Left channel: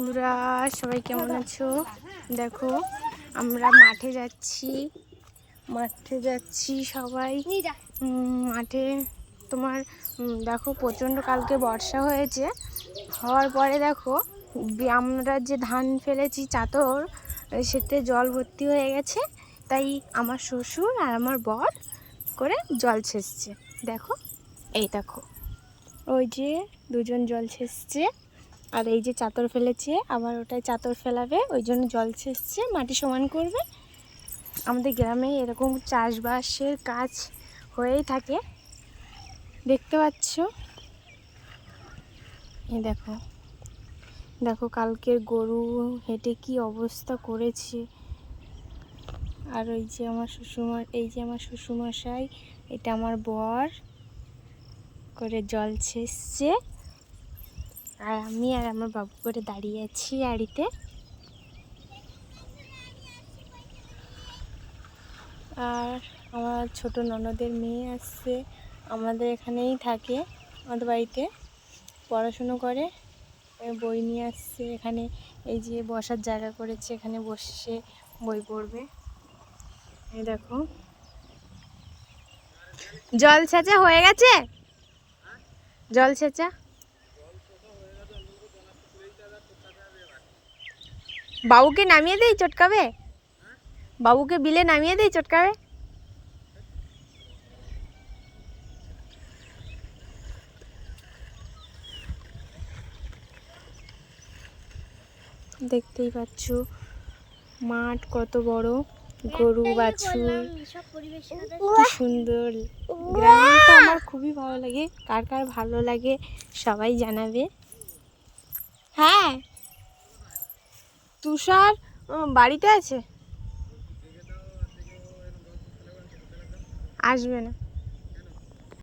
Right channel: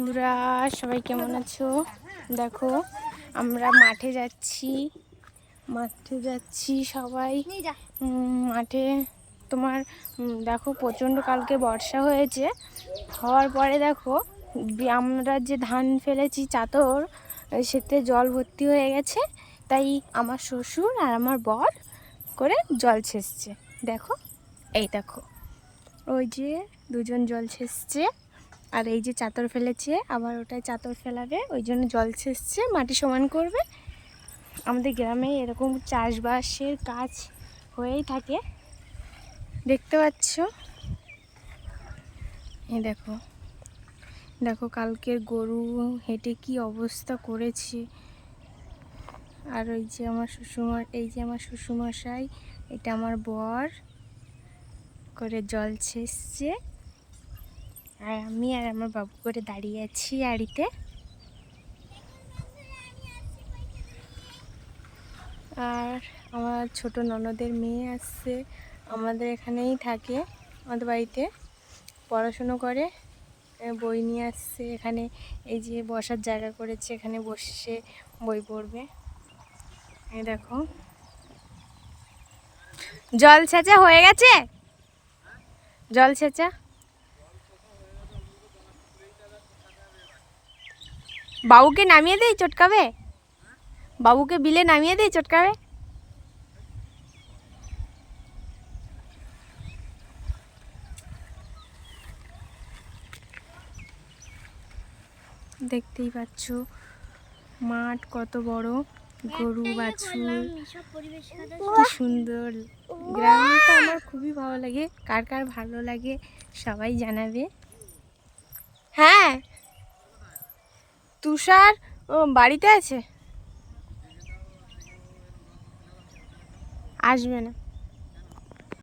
বন্ধুরা, সবাই কেমন আছো? দেখো আমরা মাঠে যাচ্ছি সবাই মাঠে। তোমার দেখো প্রচণ্ড কালকে বর্ষা হয়েছে, হওয়ার পরে দেখো আমরা যে ধান ফেলেছি চাতর, সেতে জল ভর্তি হয়ে গেছে। তাই আমার শ্বশুর আর আমার বর করে জল ছেঁচছে। দেখো, এই দেখো ওই যে দুজন জল ছেঁচছে, আর এই যে চাদর ফেলেছে, আবার ওটাই চাদর ফেলাবে, ওই জন্য জল ছেঁচছে, মাটি সমান করবে। আমাদের গ্রামে এরকম চাষবাসের কাজ হয়েই থাকে, দেখতে পাচ্ছ। এই দেখো দেখো কালকের গরু হেঁটে কি অবস্থা করেছে। আর ওই যে আমার শ্বশুরমশাই, এটা আমার বর করে জল ছেঁচছে, আর আমি আর আমার বাবু করে দাঁড়িয়ে আছি আড়িতে। আর আমার ছোট ননদের মেয়ে আসছে, আমাদের এখানেই থাকে, আমাদের বাড়িতে পড়াশুনো করে, বই নিয়ে আসছে। এখানে এই যে বসার জায়গা করেছে, এখানে বসে বই পড়বে। এই দেখো জল ছেঁচা হয়ে গেছে, জল ছেঁচা। বাবুকে নামিয়ে দেই, চটকাবে। বাবুকে বিলে নামিয়ে দেই, চটকাবে। দেখতেই পাচ্ছ মাঠ কত বড়, গরু বাছুর, কি সুন্দর। গ্রামটা আমার খুবই ভালো লাগে। কার কার ভালো লাগে সবাই জানাবে। হ্যাঁ, তুষার বাড়িতে আছে, আসবে না।